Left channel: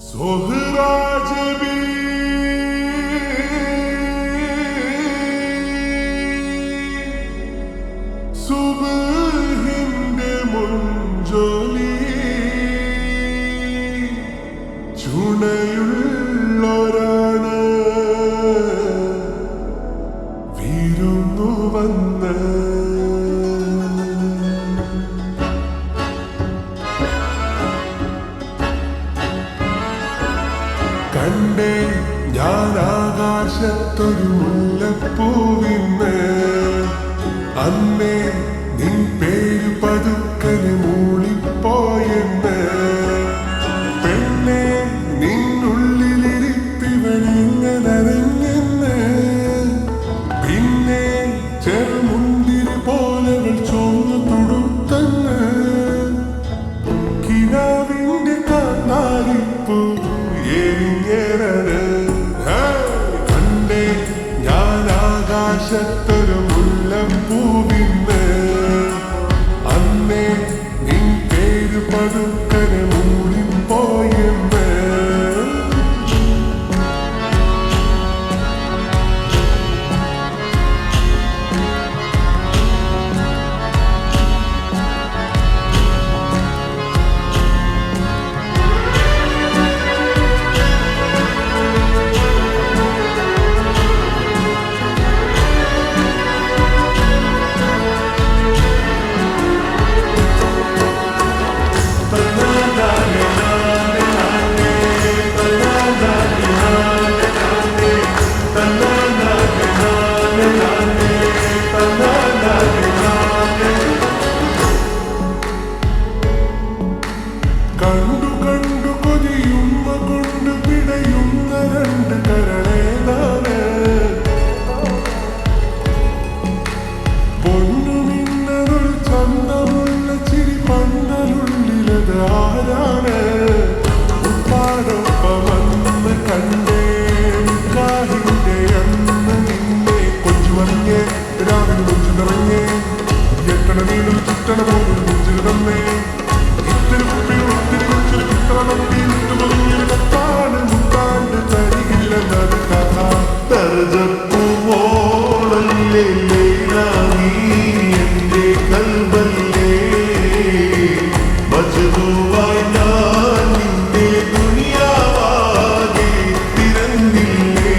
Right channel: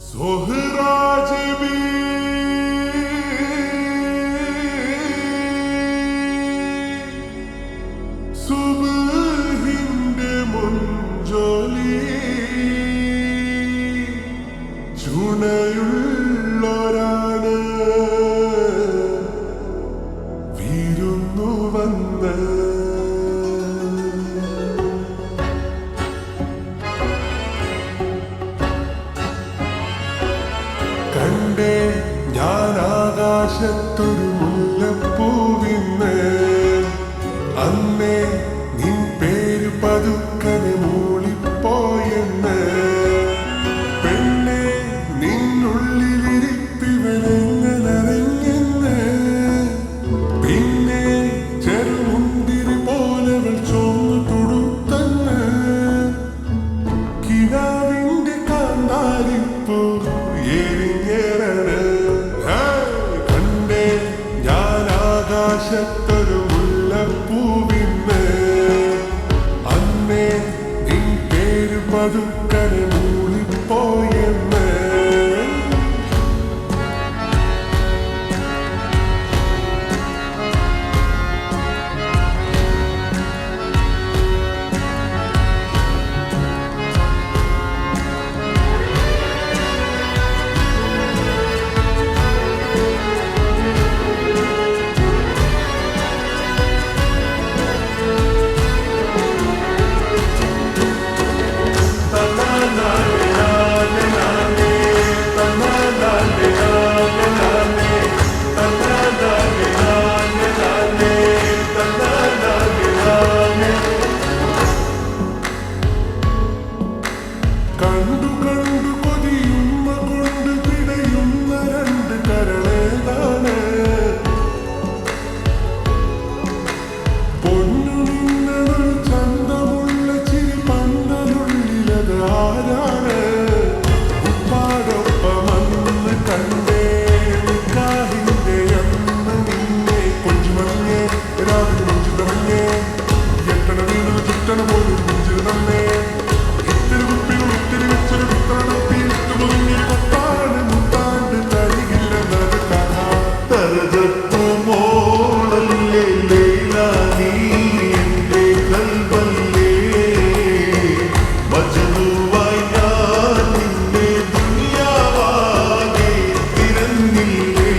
Sohracebi Subhinde munjoli ചുണയുള്ളൊരാണ് വിരുന്നു വന്ന് കണ്ടേ ഞാൻ ആകാശത്തൊരു മുല്ലപ്പൂവിന്ന് അന്നേ നിൻ പേര് പതുക്കനെ മൂളിപ്പോയെന്ന് പെണ്ണെ നിന്നുള്ളിലിരിപ്പിവനെങ്ങനറിഞ്ഞെന്ന് പിന്നെ ചെറുമുന്തിരി പോലവൾ ചൊന്നു തൊടുത്തന്ന് കിനാവിന്റെ കാന്താരിപ്പൂ എരിഞ്ഞേറാണ് കണ്ടേ ഞാൻ ആകാശത്തൊരു മുല്ലപ്പൂവിന്ന് അന്നേ നിൻ പേര് പതുക്കനെ മൂളിപ്പോയെന്ന് കണ്ടു കണ്ടു കൊതിയുമ്മ കൊണ്ട് പിടയുന്ന രണ്ട് കരളേതാണ് പൊന്നു മിന്നൊരു ചന്തമുള്ള ചിരി പന്തലുള്ളിലത് ആരാണ് ഉപ്പാടൊപ്പമന്ന് കണ്ടേ നിക്കാഹിന്റെ അന്ന് നിന്നെ കൊഞ്ചുമറിഞ്ഞേ രാവിലെ മൊഞ്ചു നിറഞ്ഞേ എട്ടണ വീണത് ചുറ്റണ പോലൊരു നെഞ്ചിൽ തന്നേ ഇത്തിരി കുപ്പികൾ ഒത്തിരി വെച്ചൊരു പുത്താണത്തിയിട്ട് പൊതിഞ്ഞൊരു കത്താണ് മുത്താണ്ട് തരികില്ലെന്നത് കഥ തർജപ്പുമോളല്ലേ നീ എന്റെ കൽബല്ലേ മജ്നുവായി ഞാൻ നിന്നെ ദുനിയാവാകെ തിരഞ്ഞില്ലേ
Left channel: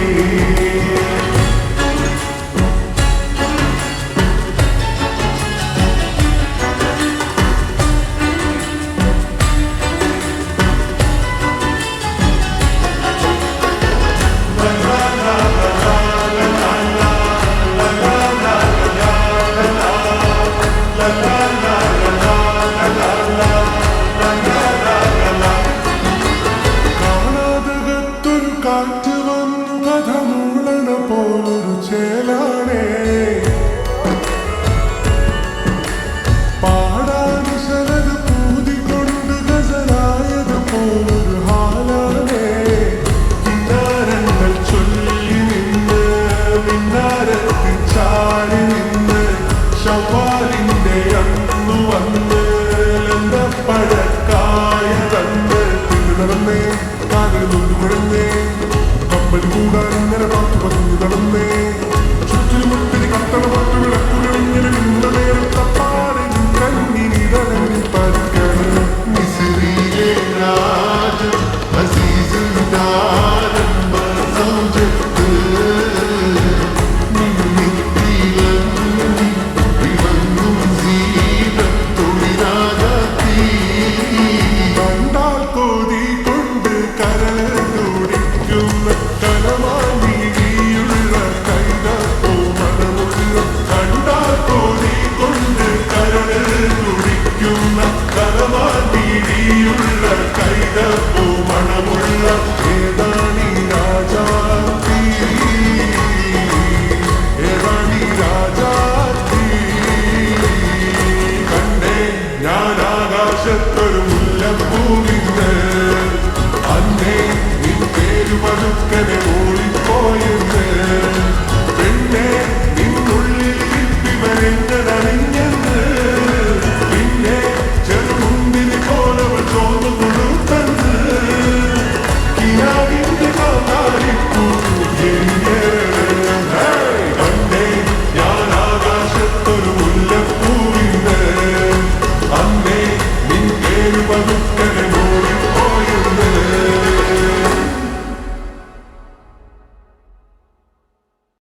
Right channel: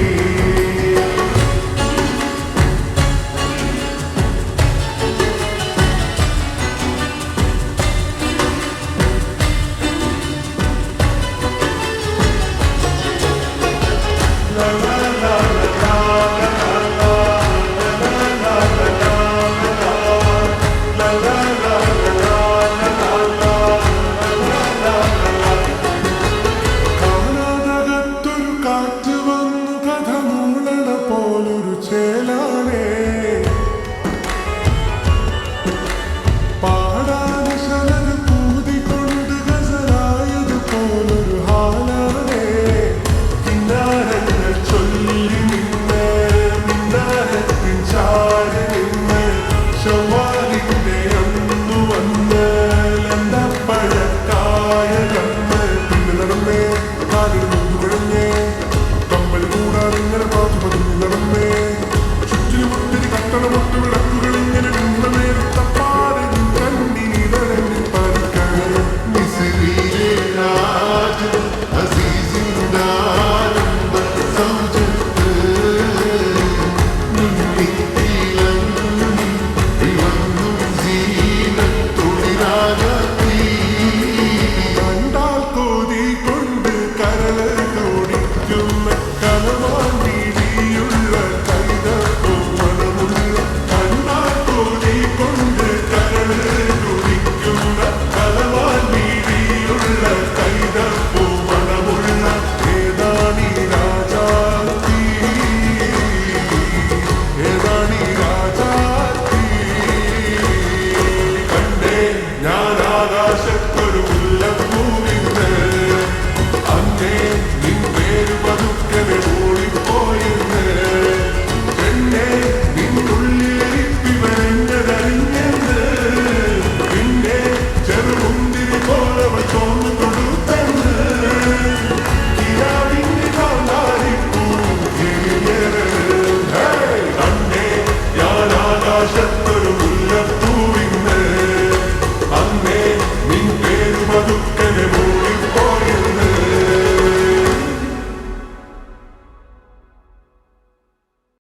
കാറ്റ് വന്നു കഥ മൂളണ പോലൊരു ചേലാണേ പാടാനിശലത് പൂതികൊണ്ട് ഗസലായത് പോലൊരു ഹാലാണേ കിന്നാരങ്ങൾ ചൊല്ലി നിന്ന് മിന്നാരത്തിൻ ചാരി നിന്ന് ശവ്വാലിന്റെ അന്നു വന്ന് ലന്തപ്പഴക്കായ തന്ന് പിന്നെ നടന്നേ കാലിന് നൊന്തു കുഴഞ്ഞേ കമ്പൽ കൂടാൻ ഇങ്ങനെ പാത്തു പതുങ്ങി നടന്നേ ചുറ്റിനുമൊത്തിരി കത്തണ പൊട്ടു വിളക്കുകൾ ഇങ്ങനെ നിന്ന നേരത്തപ്പാടെ നിൻ കണ്ണിനിതളെന്നിൽ പതിക്കാണ് മിസ്രിയിലെ രാജ അസീസിന്റെ ആരംഭ സൗജത്ത് മിന്നിത്തിളങ്ങി വിളങ്ങും സീനത്തൊളിരാജാത്തി കണ്ടാൽ കോതി കൊണ്ട് കരള് തുടിക്കുന്ന കലമാൻ വീഴിയുള്ള കൈതപ്പോ മണമുള്ള കണ്ടാൽ കോതി കൊണ്ട് കരള് തുടിക്കുന്ന കലമാൻ വീഴിയുള്ള കൈതപ്പോ മണമുള്ള ഏതാണീ രാജാത്തി ഏതാണീ രാജാത്തി കണ്ടേ ഞാൻ ആകാശത്തൊരു മുല്ലപ്പൂവിന്ന് അന്നേ നിൻ പേരു പതുക്കനെ ഓടിപ്പോയെന്ന് പെണ്ണെ നിന്നുള്ളിലിരിപ്പിവനെങ്ങനറിഞ്ഞെന്ന് പിന്നെ ചെറുമുന്തിരി പോലവ ചൊന്നു കൊടുത്തെന്ന് അന്നേ നിൻ പേരു പതുക്കനെ